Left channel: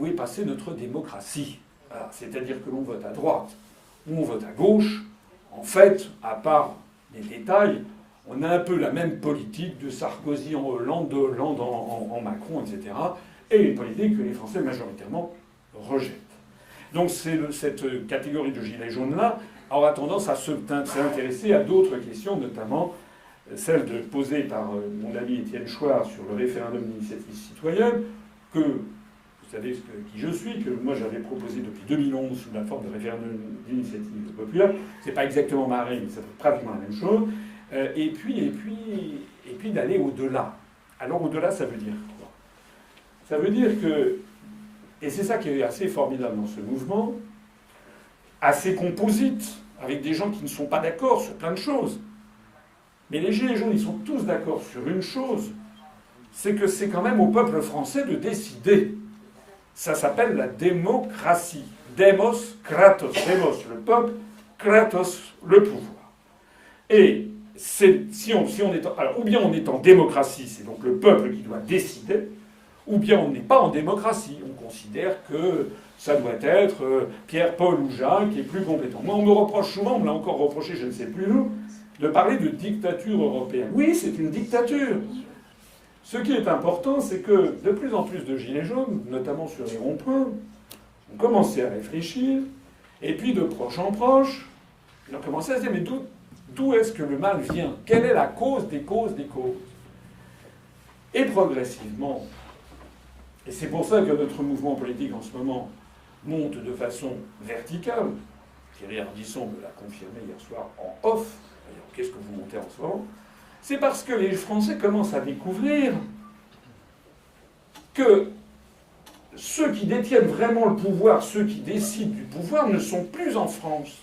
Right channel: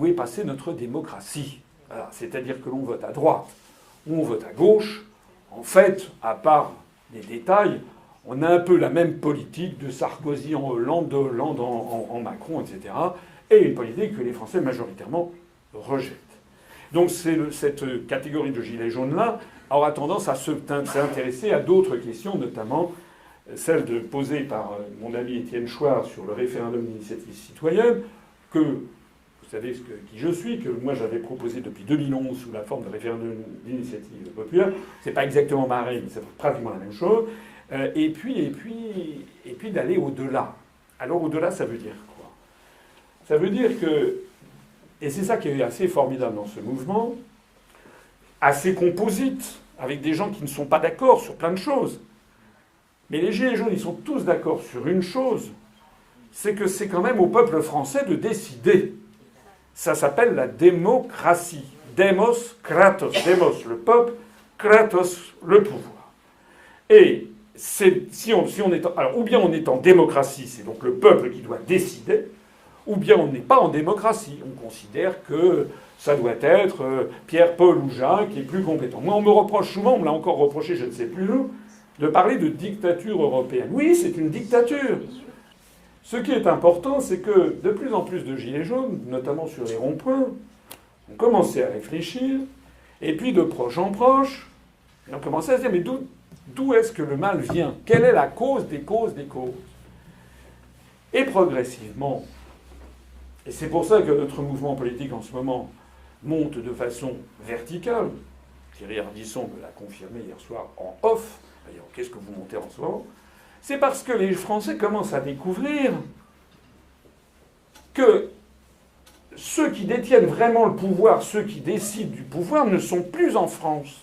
où est passée notre démocratie? C'est-à-dire que l'on vote à droite ou on vote à gauche. En fait, à part des détails, on a un peu la même politique de Sarkozy en Hollande, de Hollande en Macron, etc. Et une politique que les Français majoritairement rejettent. Donc cette catégorie de gilets jaunes-là aura tendance à s'intéresser à d'autres questions, notamment celle posée par mon ami Étienne Chouard sur le référendum d'initiative citoyenne, que vous savez qui je suis, que moi j'avais proposé depuis 2011 sous la forme de référendum d'initiative populaire. C'est pas exactement pareil, mais c'est pratiquement la même chose. Et puis d'aller au-delà. Alors au-delà, ça veut dire quoi? Ça veut dire que, et c'est ça qui est assez formidable dans ce mouvement, assez composite, avec des gens qui ne sont pas d'accord sur plein de choses. Mais les Gilets jaunes, ils sont tous d'accord sur une chose, c'est que c'est quand même au peuple français de décider. Ça s'appelle la démocratie. Demos, kratos. Demos, le peuple, kratos, le pouvoir. Et si on est alors, ou bien on est en démocratie, c'est donc le peuple qui doit décider, ou bien on n'est pas en démocratie. On considère que ça doit être Pierre, Paul ou Jacques qui est plus compétent. Moi, on me reproche souvent, on me l'a encore reproché, je ne sais plus où, de parler de dictature européenne. Oui, c'est une dictature. Ce qui est important, c'est que de plus en plus de gilets jaunes, notamment sur les ronds-points, ont commencé à réfléchir, et puis de proche en proche, ils ont commencé à se dire, mais d'où est-ce que le mal vient? Quelle est la cause des causes des causes? Et progressivement, et c'est pour ça que notre mouvement politique en ce moment monte de façon verticale, Thierry Ardisson me l'a confirmé hier soir en off, d'ailleurs, qu'est-ce que vous montez en ce moment? C'est parce que les Français commencent à découvrir que ceux qui détiennent vraiment le pouvoir, ceux qui décident du pouvoir, ne sont plus en France.